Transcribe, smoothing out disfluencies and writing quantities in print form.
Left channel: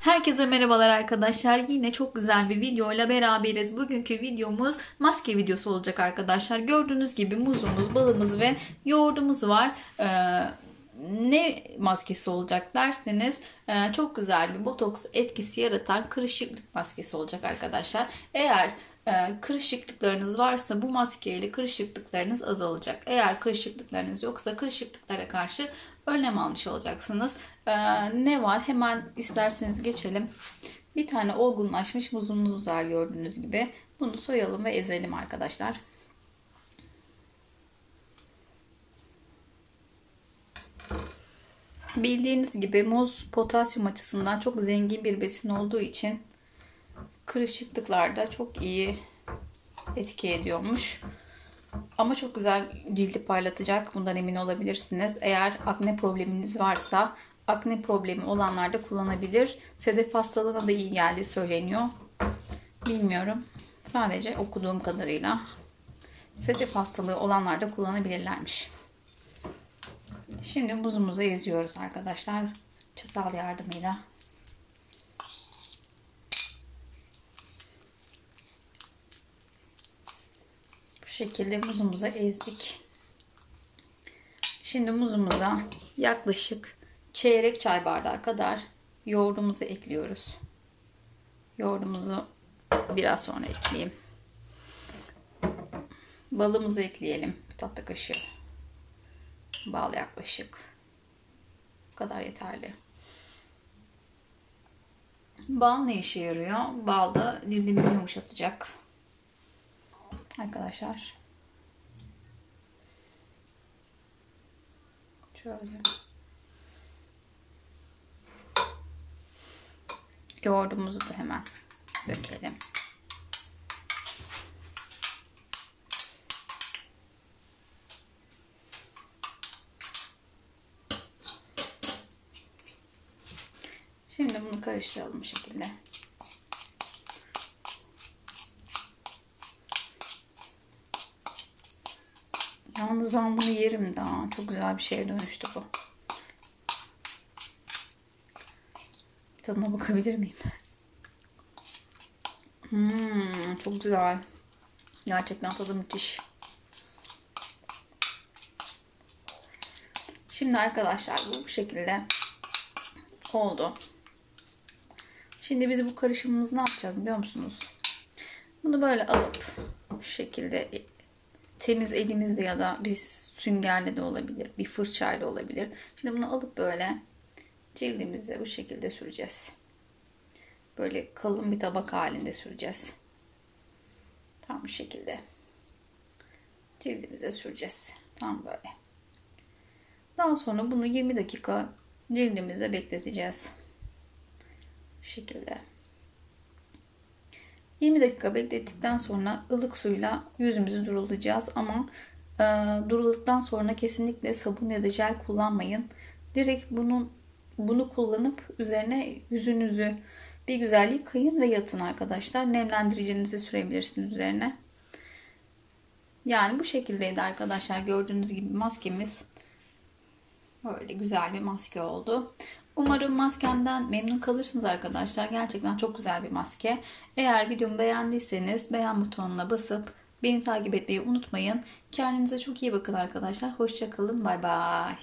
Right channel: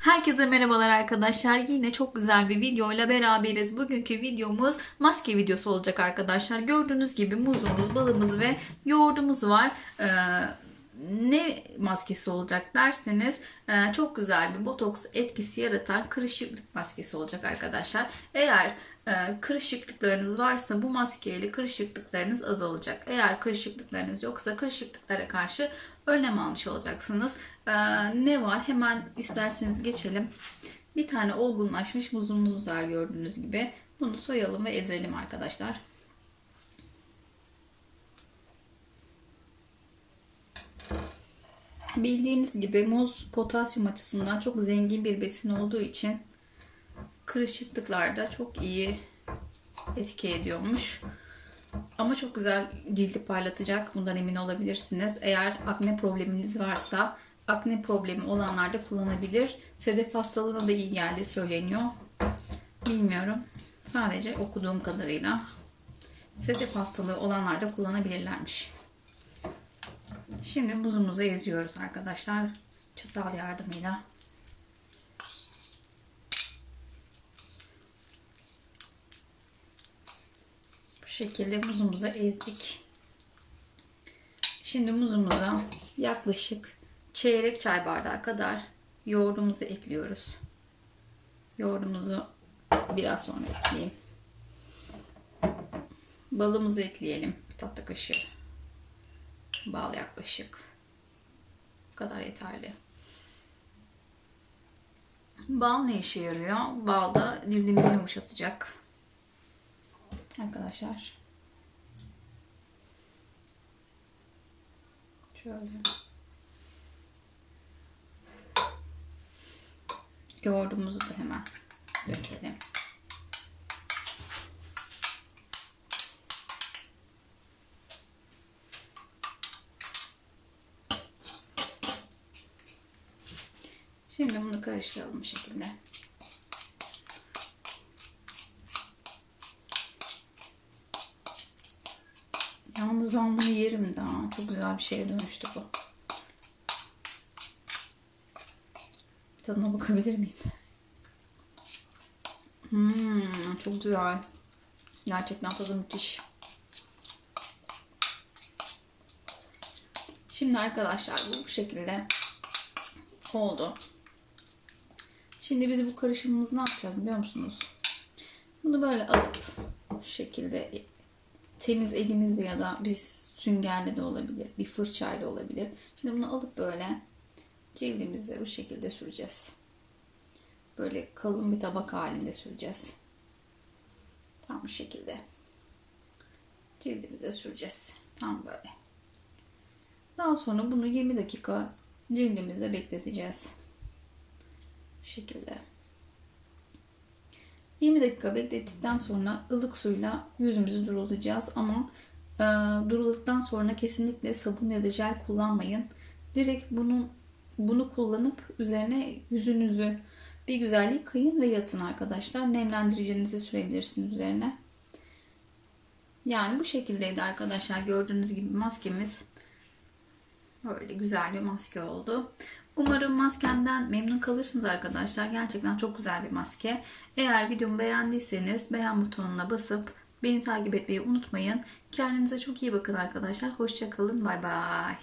Herkese merhabalar arkadaşlar. Yine çok güzel bir videoyla beraberiz. Bugünkü videomuz maske videosu olacak arkadaşlar. Gördüğünüz gibi muzumuz, balımız ve yoğurdumuz var. Ne maskesi olacak derseniz çok güzel bir botoks etkisi yaratan kırışıklık maskesi olacak arkadaşlar. Eğer kırışıklıklarınız varsa bu maskeyle kırışıklıklarınız azalacak. Eğer kırışıklıklarınız yoksa kırışıklıklara karşı önlem almış olacaksınız. Ne var? Hemen isterseniz geçelim. Bir tane olgunlaşmış muzumuz var gördüğünüz gibi. Bunu soyalım ve ezelim arkadaşlar. Bildiğiniz gibi muz potasyum açısından çok zengin bir besin olduğu için kırışıklıklarda çok iyi etki ediyormuş. Ama çok güzel cildi parlatacak. Bundan emin olabilirsiniz. Eğer akne probleminiz varsa akne problemi olanlar da kullanabilir. Sedef hastalığına da iyi geldiği söyleniyor. Bilmiyorum. Sadece okuduğum kadarıyla sedef hastalığı olanlar da kullanabilirlermiş. Şimdi muzumuzu eziyoruz arkadaşlar. Çatal yardımıyla. Bu şekilde muzumuzu ezdik. Şimdi muzumuza yaklaşık çeyrek çay bardağı kadar yoğurdumuzu ekliyoruz. Yoğurdumuzu biraz sonra ekleyeyim. Balımızı ekleyelim. Bir tatlı kaşığı. Bal yaklaşık. Bu kadar yeterli. Bal ne işe yarıyor? Bal da cildimizi yumuşatacak. Arkadaşlar. Şöyle. Yoğurdumuzu da hemen dökelim. Şimdi bunu karıştıralım bu şekilde. Yalnız ben bunu yerim daha. Çok güzel bir şeye dönüştü bu. Tadına bakabilir miyim? Çok güzel. Gerçekten tadı müthiş. Şimdi arkadaşlar bu şekilde oldu. Şimdi biz bu karışımımızı ne yapacağız biliyor musunuz? Bunu böyle alıp şu şekilde temiz elimizle ya da bir süngerle de olabilir, bir fırçayla olabilir. Şimdi bunu alıp böyle cildimize bu şekilde süreceğiz. Böyle kalın bir tabak halinde süreceğiz. Tam bu şekilde cildimize süreceğiz. Tam böyle. Daha sonra bunu 20 dakika cildimizde bekleteceğiz. Bu şekilde. 20 dakika beklettikten sonra ılık suyla yüzümüzü durulayacağız ama duruladıktan sonra kesinlikle sabun ya da jel kullanmayın. Direkt bunu kullanıp üzerine yüzünüzü bir güzel yıkayın ve yatın arkadaşlar. Nemlendiricinizi sürebilirsiniz üzerine. Yani bu şekildeydi arkadaşlar. Gördüğünüz gibi maskemiz böyle güzel bir maske oldu. Umarım maskemden memnun kalırsınız arkadaşlar. Gerçekten çok güzel bir maske. Eğer videomu beğendiyseniz beğen butonuna basıp beni takip etmeyi unutmayın. Kendinize çok iyi bakın arkadaşlar. Hoşça kalın. Bay bay.